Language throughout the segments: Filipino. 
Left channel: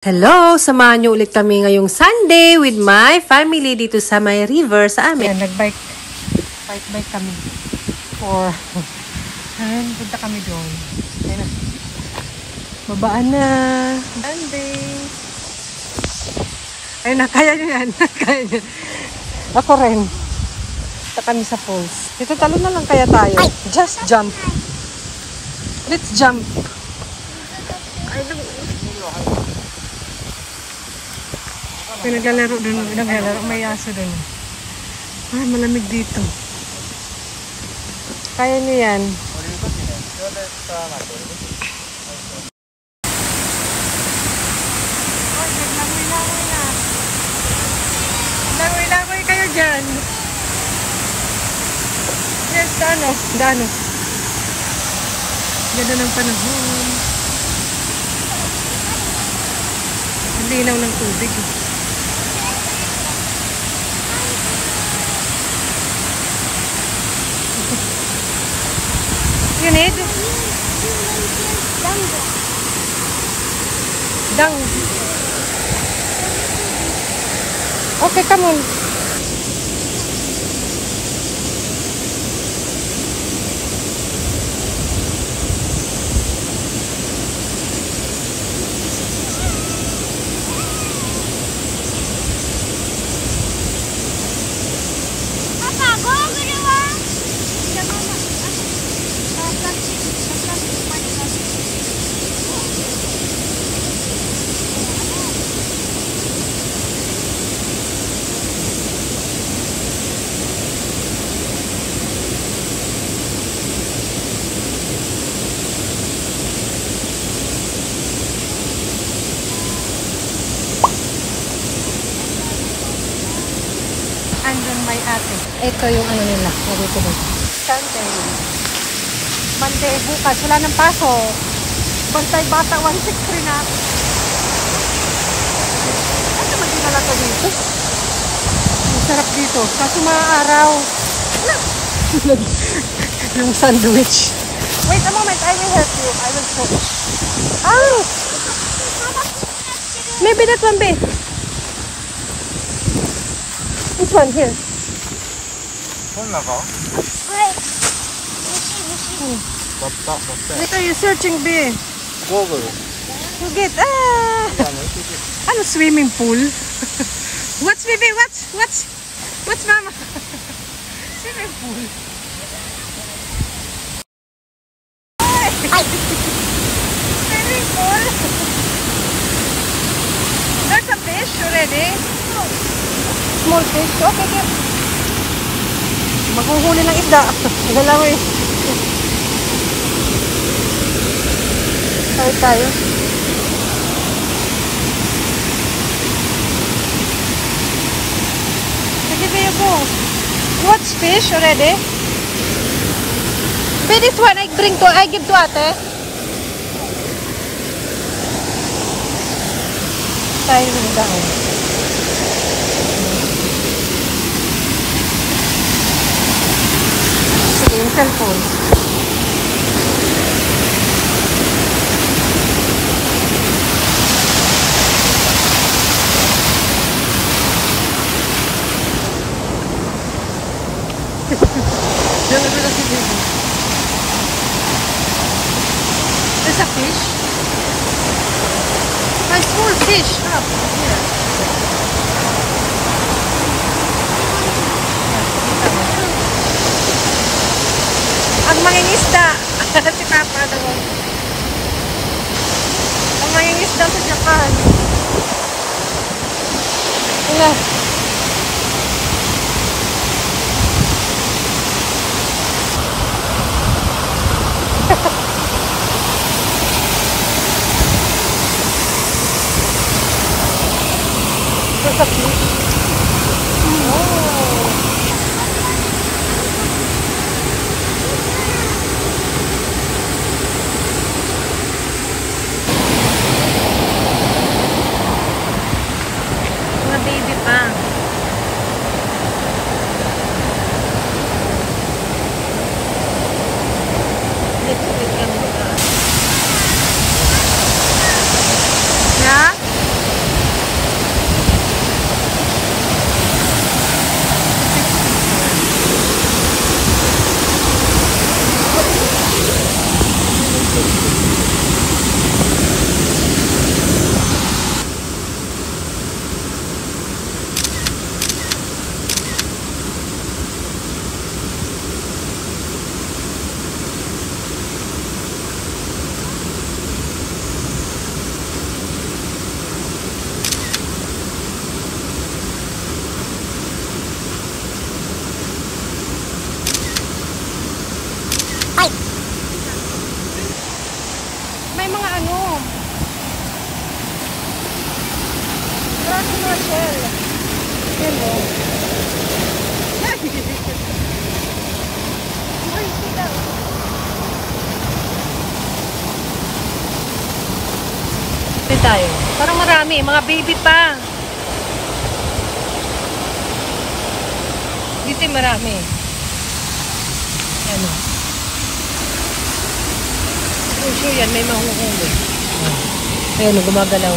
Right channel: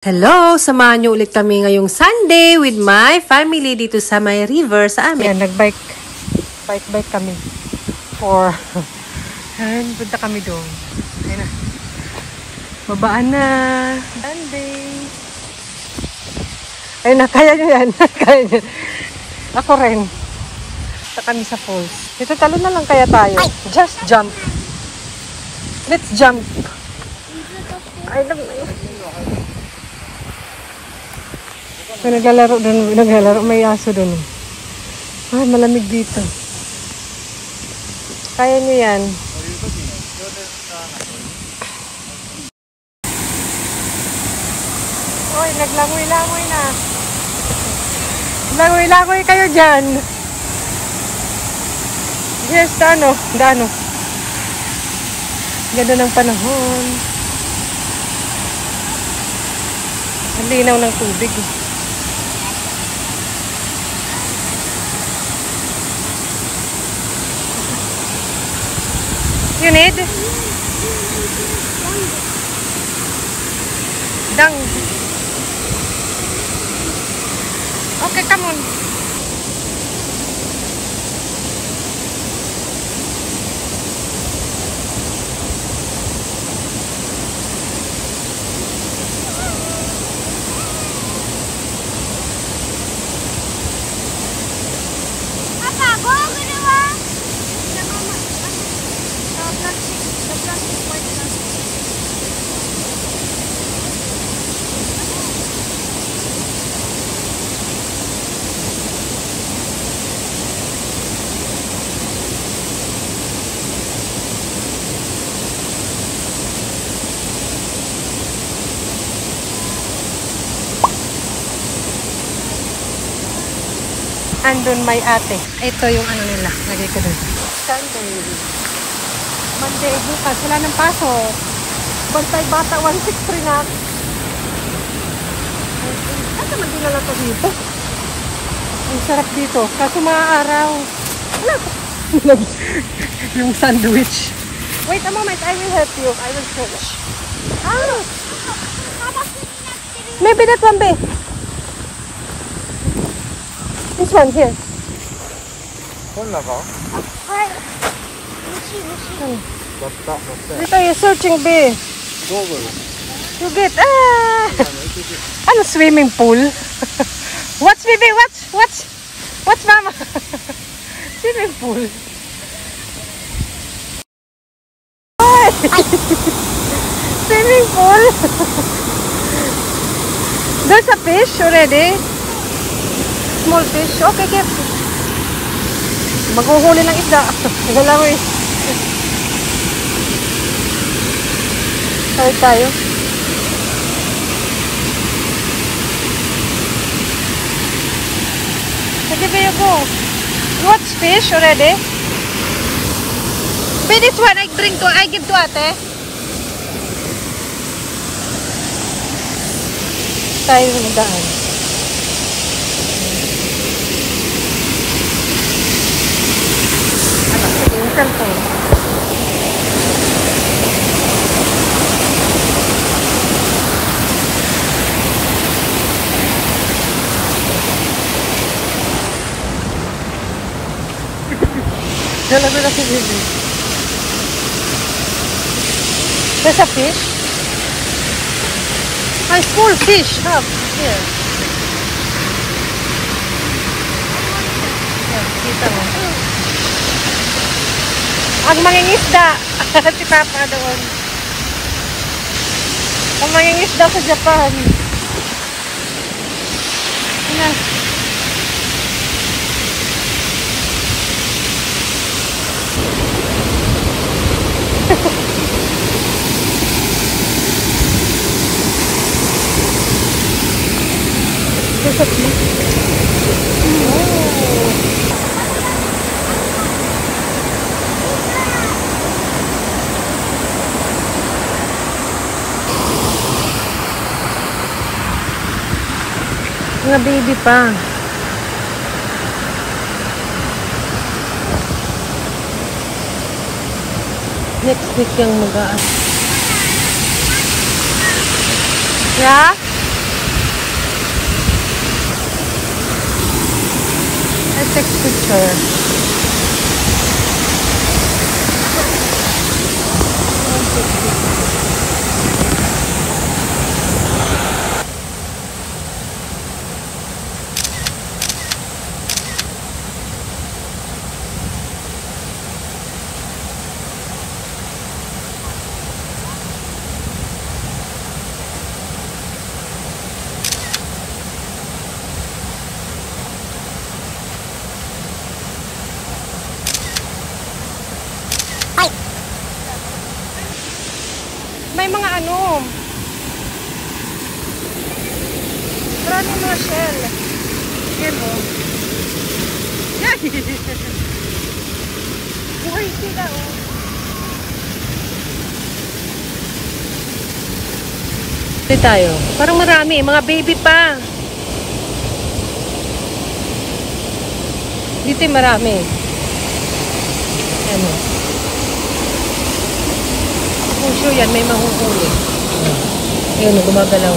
Hello! Samahan niyo ulit kami ngayong Sunday with my family dito sa may river sa amin. Ayan, nag-bike kami. Ayan, punta kami doon. Ayan na. Babaan na. Sunday. Ayun na, kaya nyo yan. Kaya nyo. Ako rin. Punta kami sa falls. Dito talo na lang kaya tayo. Just jump. Let's jump. I love you. Ay, naglalaro, may aso doon. Ay, malamig dito. Kaya nyo yan. Oy, naglangoy-langoy na. Langoy-langoy kayo dyan. Yes, dano. Ganda ng panahon. Ang linaw ng tubig. You need? Dung. Okay, come on. The plastic, white plastic. Andun may ate. Ito yung ano nila. Lagay ko doon. Sunday. Monday, bukas. Wala ng pasok. Bantay bata, 163 na. Ay, naman din nala to dito. Ang sarap dito. Kaso maaaraw. Wala. Yung sandwich. Wait a moment. I will help you. I will search. Oh. Maybe that one, babe. This one, here. Hi. Dito you're searching, be. You get, ano, swimming pool? What's, baby? What's mama? Swimming pool. Swimming pool. There's a fish already. Small fish. Okay, get. Maghuhuli ng isda. Dalawa eh. Tayo. Sige, you go. You watch fish already? But this one I give to ate. Tayo ng daan. Sige, yung cellphone. Dalago na si baby. There's a fish. My full fish. Up here. Kita mo. Ang mangingisda. Si Papa doon. Ang mangingisda sa Japan. Ina. Mga baby pa. Next week yung mag-aan. Yeah? her. May mga ano. Maraming mga shell. Yan o. Uy, sila o. Ito tayo. Parang marami. Mga baby pa. Dito marami. Yan o. Sure yan, may mahuhuli. Ayun, gumagalaw.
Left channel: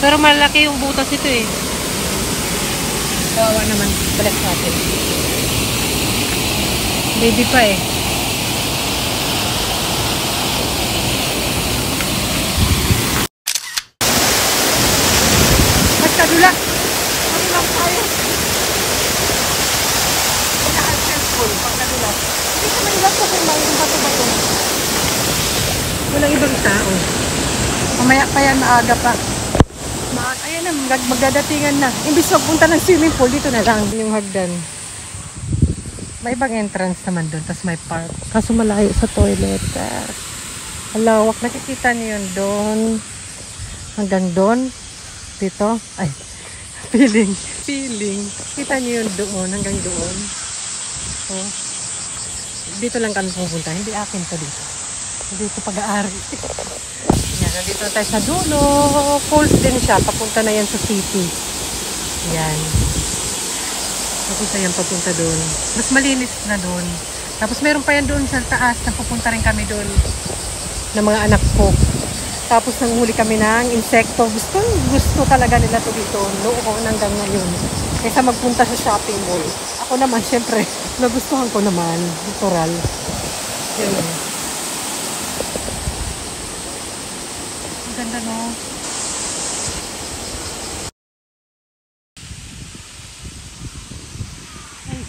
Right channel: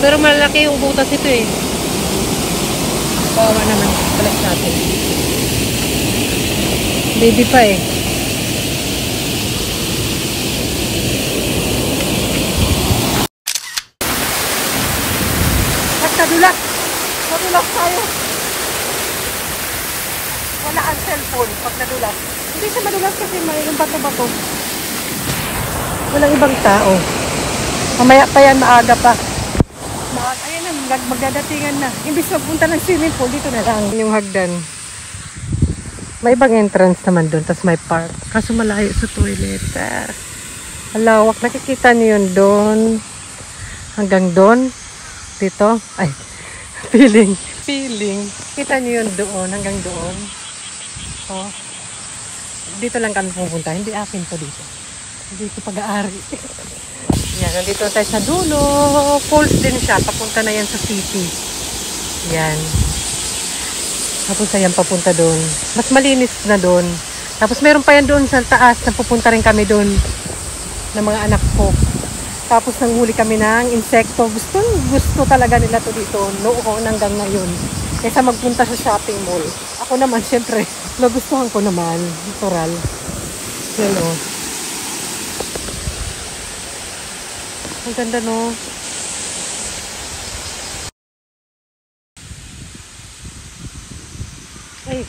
Pero malaki yung butas ito eh. Kawawa naman. Balas natin. Baby pa eh. At nadulas. Nadulas tayo. Wala ang cellphone pag nadulas. Hindi siya madulas kasi may yung bato-bato. Walang ibang tao. Mamaya pa yan, maaga pa. Ayan na, magdadatingan na. Imbis magpunta ng swimming pool, dito na lang yung hagdan. May ibang entrance naman doon, tapos may park. Kaso malayo sa toilet. Halawak, nakikita niyo yun doon. Hanggang doon. Dito. Ay, feeling. Kita niyo yun doon, hanggang doon. Oh. Dito lang kami pupunta. Hindi akin to dito. Hindi ko pag-aari. Yan, nandito tayo sa dulo. Falls din siya. Papunta na yan sa city. Yan. Papunta doon. Mas malinis na doon. Tapos meron pa yan doon sa taas. Napupunta rin kami doon ng mga anak ko. Tapos nanghuli kami ng insekto. Gusto talaga nila to dito. Noon hanggang ngayon. Kaysa magpunta sa shopping mall. Ako naman, syempre, nagustuhan ko naman. Natural. Yun o. Ang ganda no. Hey.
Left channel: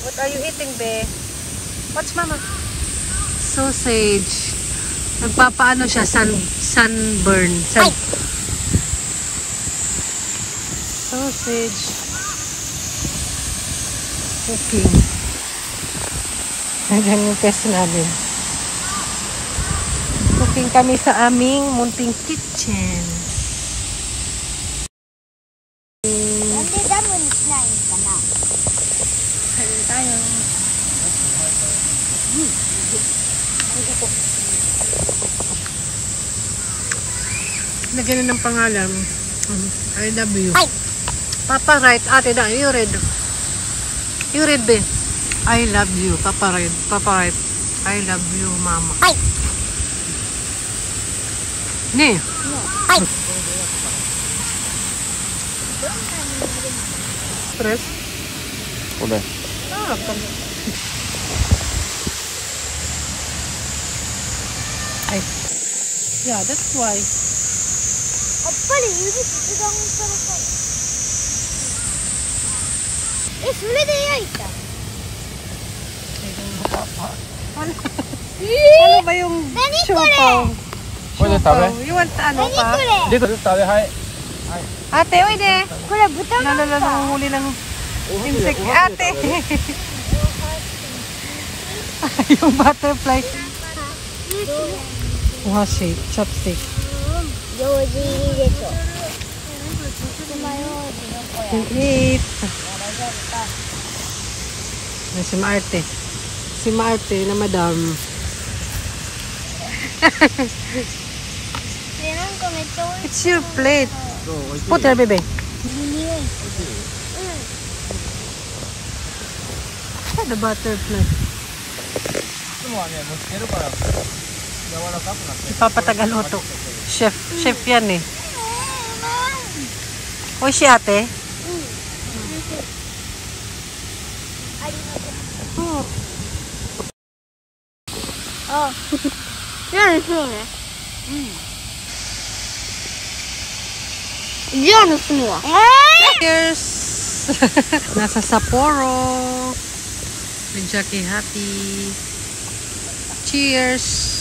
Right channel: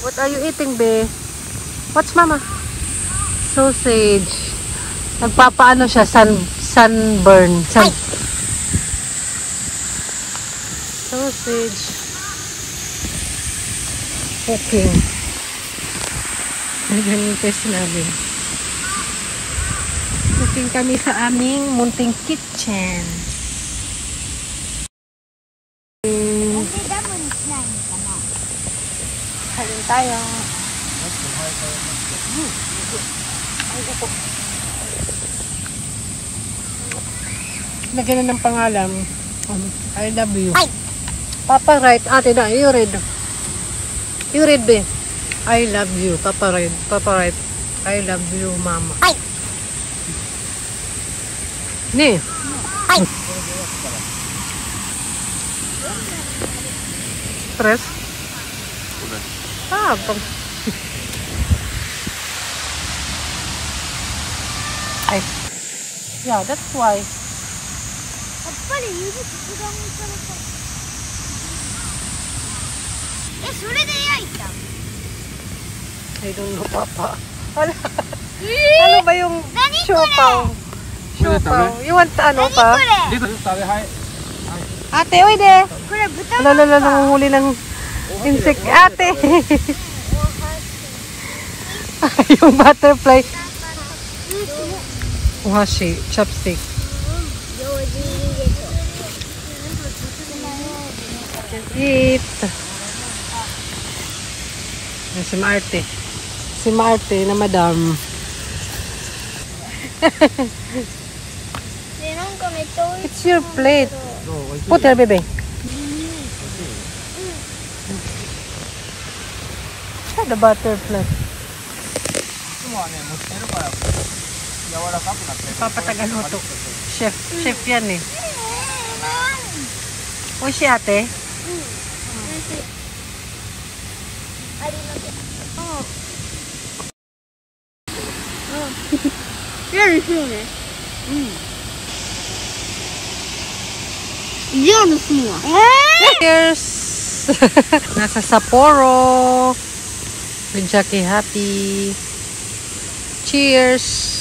What are you eating, be? What's mama? Sausage. Nagpapaano siya? Sunburn. Sausage. Cooking. Ayan yung test namin. Cooking kami sa aming munting kitchen. Kain tayo. Lagyan na ng pangalan. I love you. Papa write. Ate na, you read. You read, be. I love you. Papa write. I love you, mama. Ne. Stress? Udah. Ay. Yeah, that's why. I don't know, Papa. Ano ba yung siopaw? You want ano pa? Dito tayo, hi. Ate, oy de. Lala, nanguhuli ng insect. Ate. Yung butterfly. Washi, chopstick. can eat. Yan si Marte. Si Marte na madam. It's your plate. Put there, baby. The butterfly. Ipapatagal mo to. Chef yan eh. Uy, si ate. Oh. Yan is yun eh. Yan is yun. Cheers! Nasa Sapporo. With Jackie happy. Cheers!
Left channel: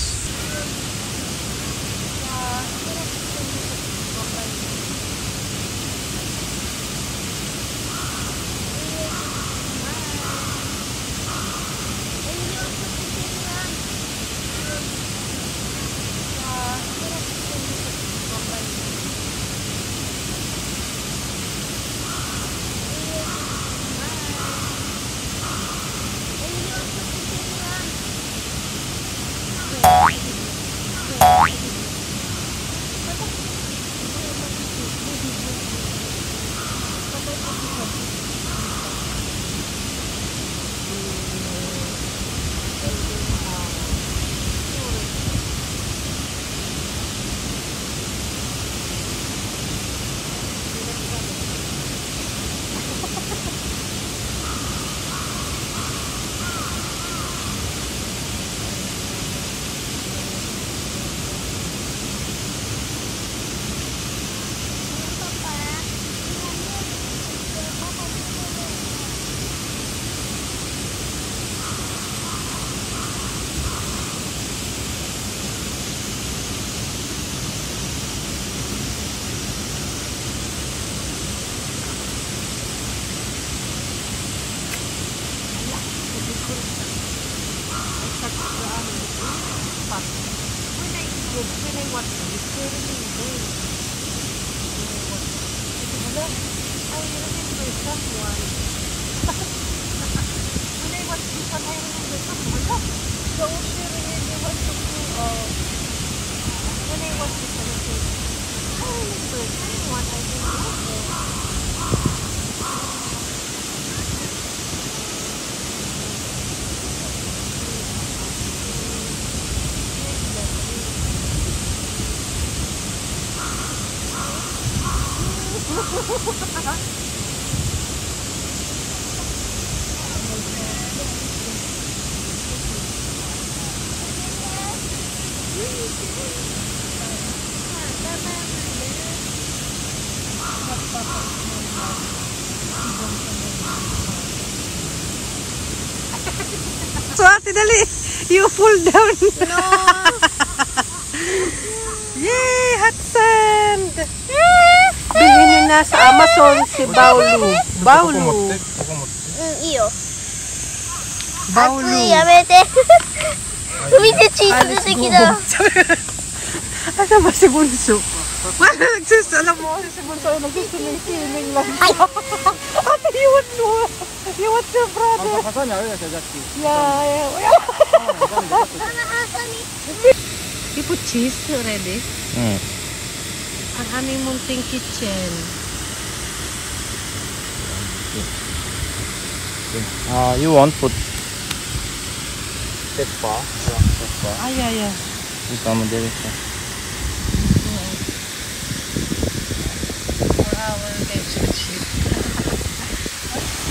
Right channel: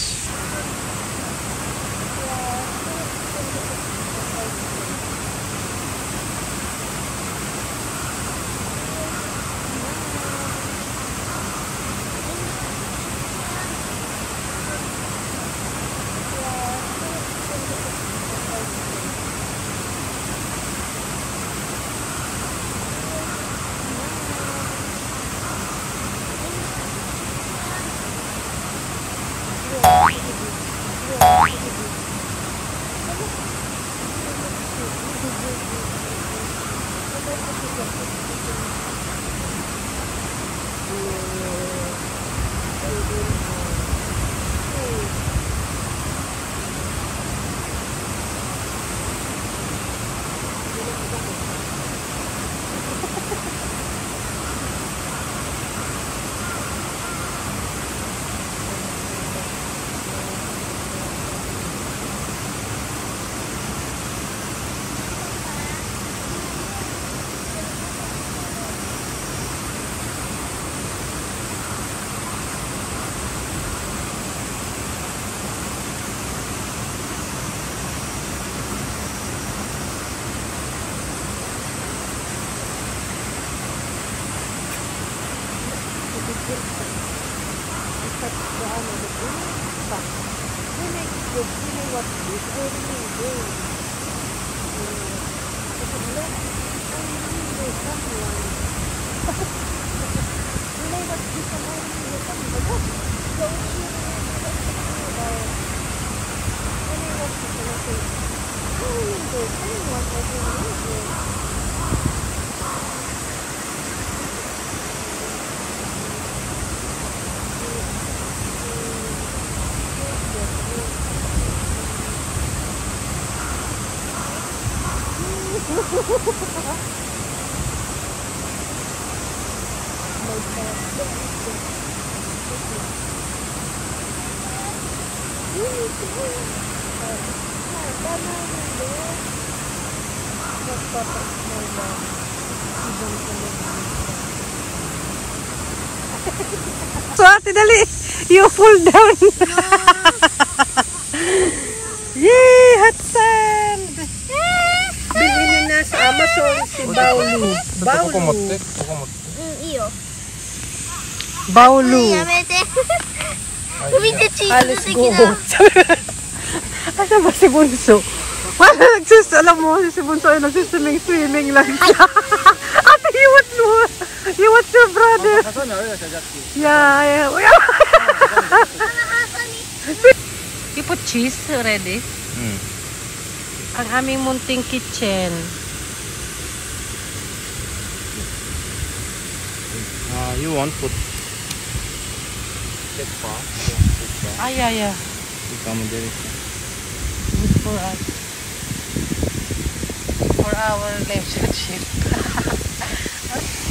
So, ate, dali. You fall down. Yay! Hot sand! Bilhin nyo na sa Amazon si Baulu. Baulu. Baulu. Alis go. Asa ba si Bunso? Wala alam mo, si Bunso ay nagsiswimming lang siya. Ate, you want your brother? Yeah. You put cheese already? Ang aming munting kitchen. You want put pepper? Yeah. Come there. This for us. For our relationship.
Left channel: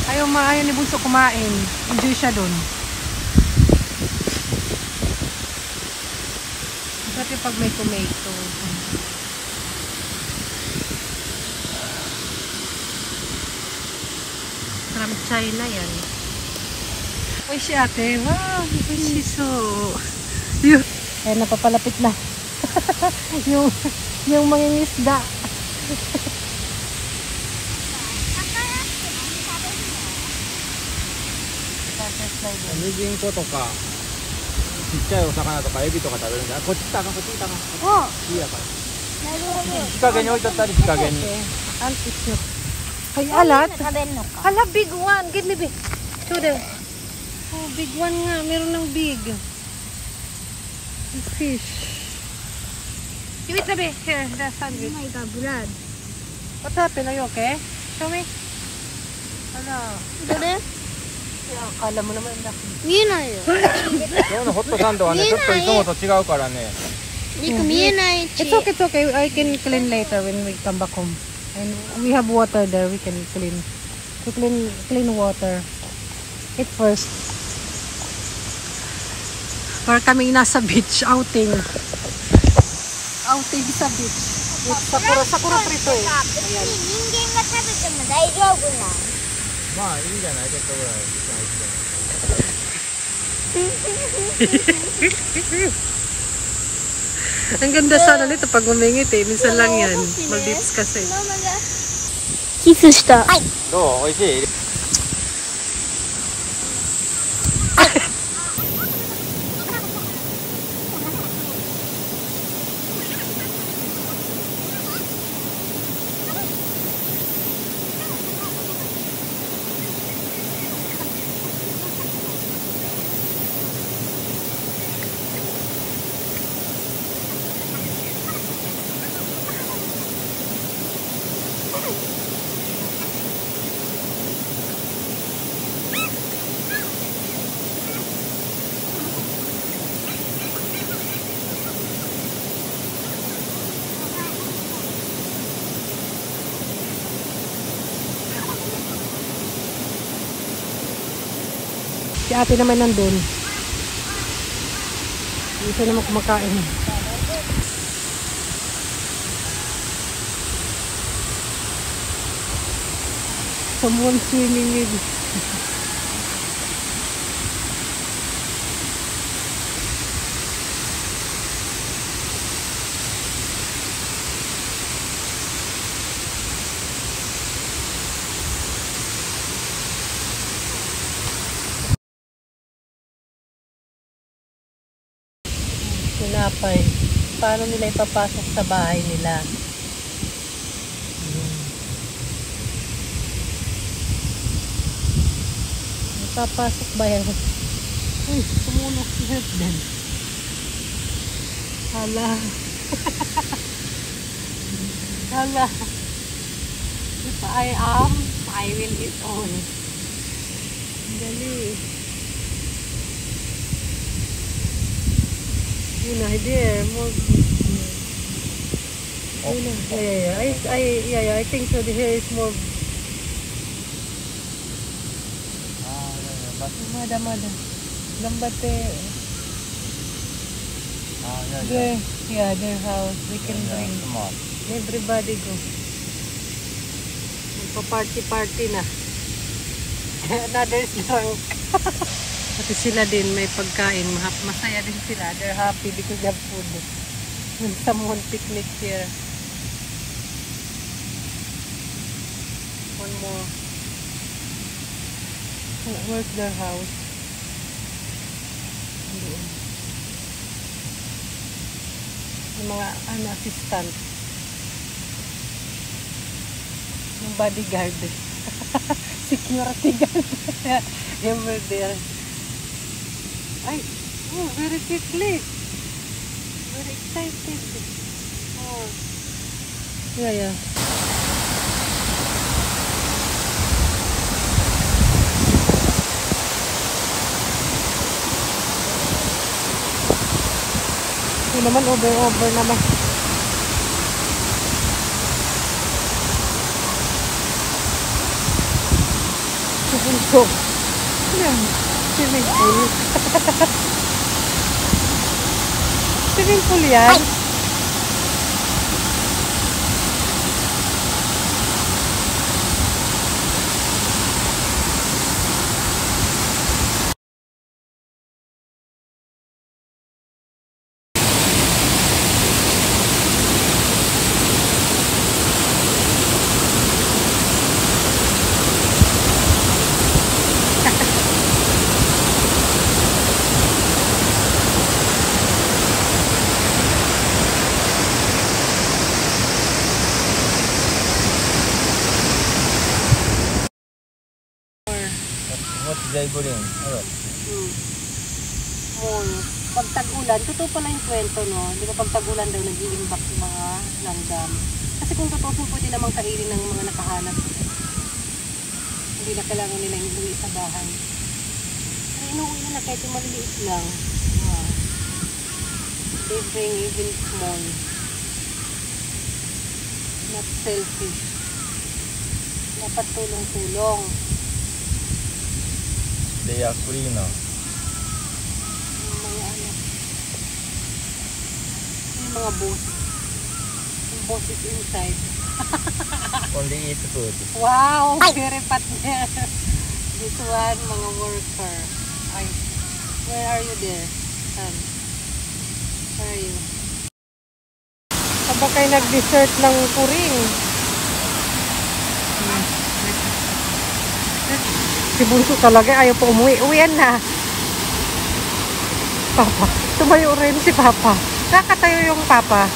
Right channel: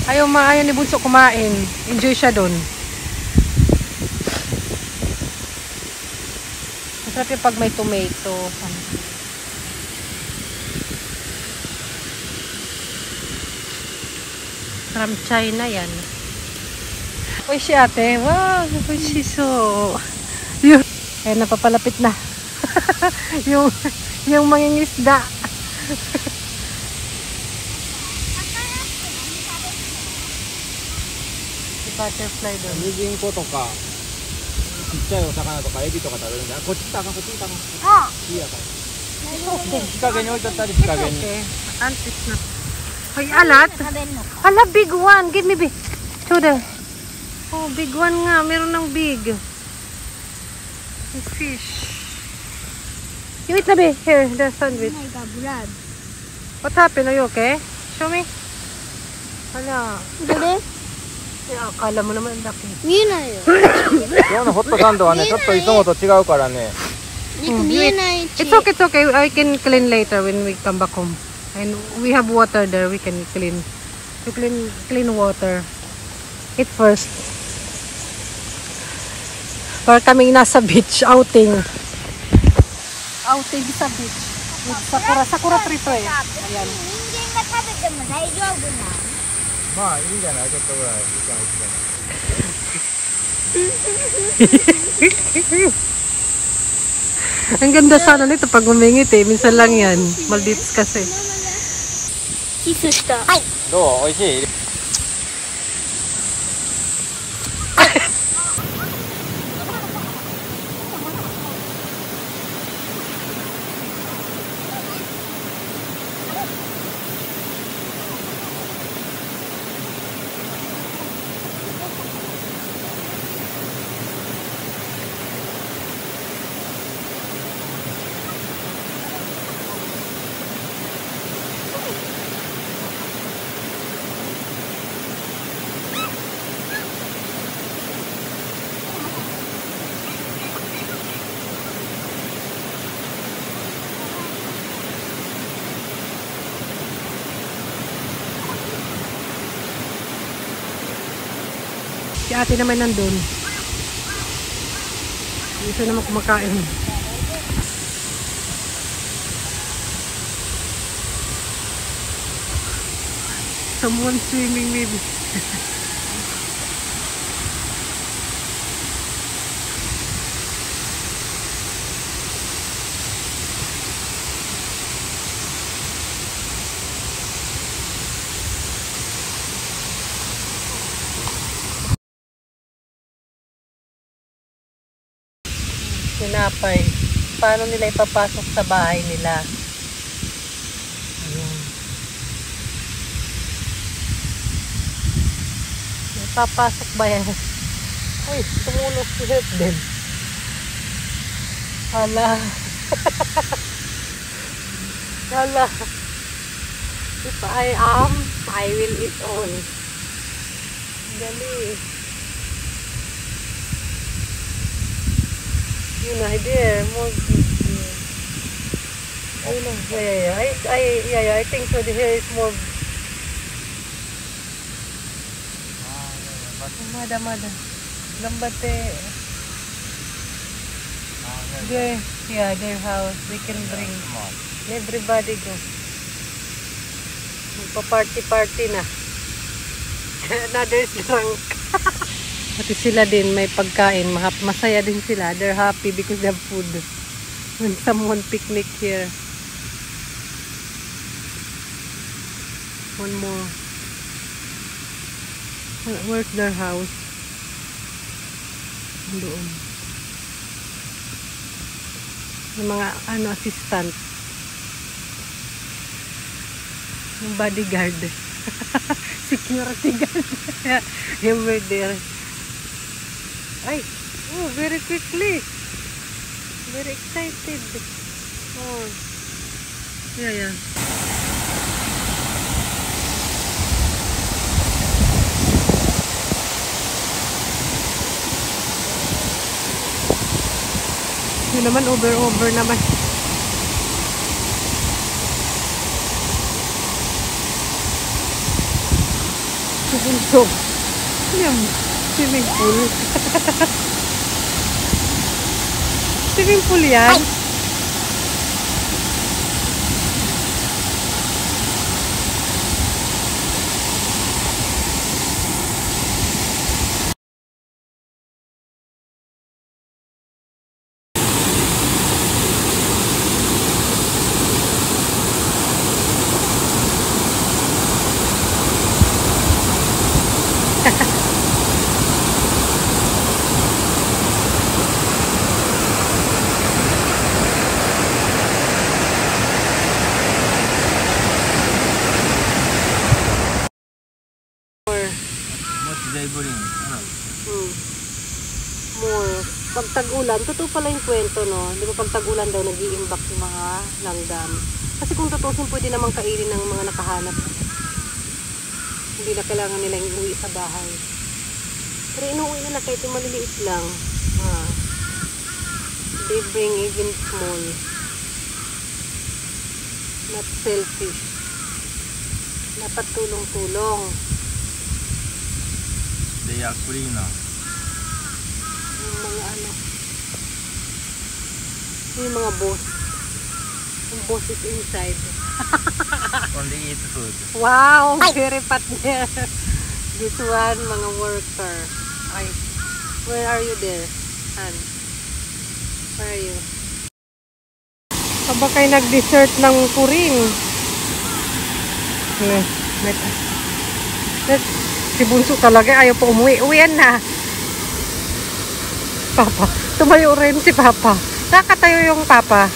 Ayaw ni Bunso kumain. Enjoy siya dun. Masarap yung pag may tomato. From China yan. Uy, si ate. Wow, uy, si so. Eh, napapalapit na. yung mangingisda. Butterfly doon. ミジンコとかちっちゃいお魚とかエビとか食べるんだよ。こっち来たかこっち来たか。いいやから。日陰に置いてあったり日陰に。And it's not. Ay, alat. Nakabeno ka. Ala, big one. Give me big. Show them. Oh, big one nga. Meron ng big. Big fish. You eat na, be. Here, the Oh sandwich. my God, Brad. What happened? Are you okay? Show me. Ala. Dede? Akala mo naman laki. 見えないよ。今のホットサンドはね、ちょっといつもと違うからね。リク見えないし。 It's okay, it's okay. I can clean later when we come back home. And we have water there. We can clean. To clean water. Eat first. Para kaming nasa beach outing. Outing sa beach. With sakura tree to eh. 別に人間が食べても大丈夫な。まあ、いいんじゃないちょっとぐらい。Ang ganda sana nito pag umingit eh. Minsan lang yan. Maldives kasi. キスした。はい。どう美味しい Si ate naman nandun. Isa naman kumakain. Someone swimming maybe. Tinapay. Paano nila ipapasok sa bahay nila? Ayan. Ipapasok ba yan? Uy, tumulog si Husband. Hala. Hala. If I am, I will eat all. Gali. Yun na, there, more yeah. Oh no, yeah, I think so. The hair is more. Mada. Gambate. Their house. We can bring everybody go. Magpa-party na. Another drunk. Pati sila din may pagkain, masaya din sila. They're happy because they have food. When someone picnic here. One more. Where's their house? Doon. Yung mga assistant. Yung bodyguard. Security guard. Yung there. Ay, very quickly. Very excited. Oh. Yeah. Yun naman, over naman. So, yan. Swimming pool. Swimming pool yan. Jay Buling. Ano? More. Pag tag-ulan, totoo pala yung kwento, no? Di ba pag tag-ulan daw, nag-i-imbak yung mga langgam. Kasi kung tutusin, pwede namang kainin ng mga nakahanap. Hindi na kailangan nilang iuwi sa bahay. Pero inuwi nila kahit yung maliliit lang. They bring even small. Not selfish. Dapat tulong-tulong. They are cleaner. Yung mga ano. Yung mga boss. Yung boss is inside. Only eat food. Wow! Very partner. This one, mga worker. Ay, where are you there? Han? Where are you? Habang kayo nag-dessert ng puring. Yeah. Si Bunso talaga ayaw po umuwi. Uwian na. Papa. Tumayo rin si Papa. Nakakatayo yung Papa.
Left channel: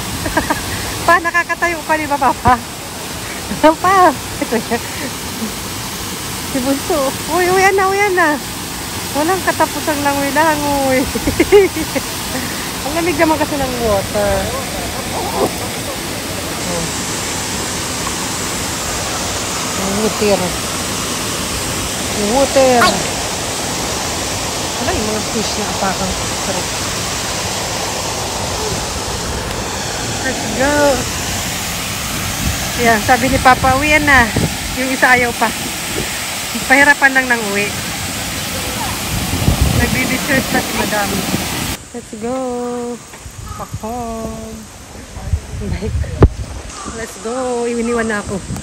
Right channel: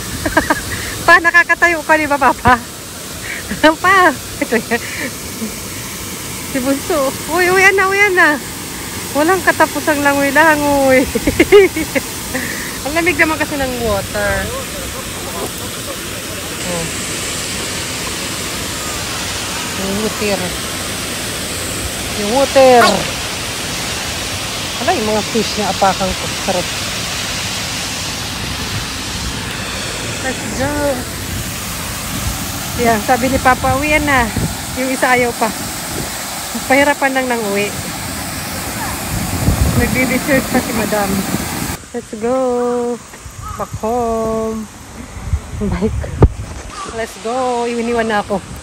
Pa, nakakatayo ka, di ba, Papa? Pa. Ito yan. Si Bunso. Uy, uwian na, uwian na. Walang katapusang langoy-langoy. Ang lamig naman kasi ng water. Oh. Yung water. Yung water. Ala, yung mga fish na apakan ko. Sarap. Let's go. Yan, sabi ni Papa, uwian na. Yung isa ayaw pa. Pahirapan lang ng uwi. Nagdi-dessert pa si Madam. Let's go. Back home. Bike. Let's go. Iwiniwan na ako.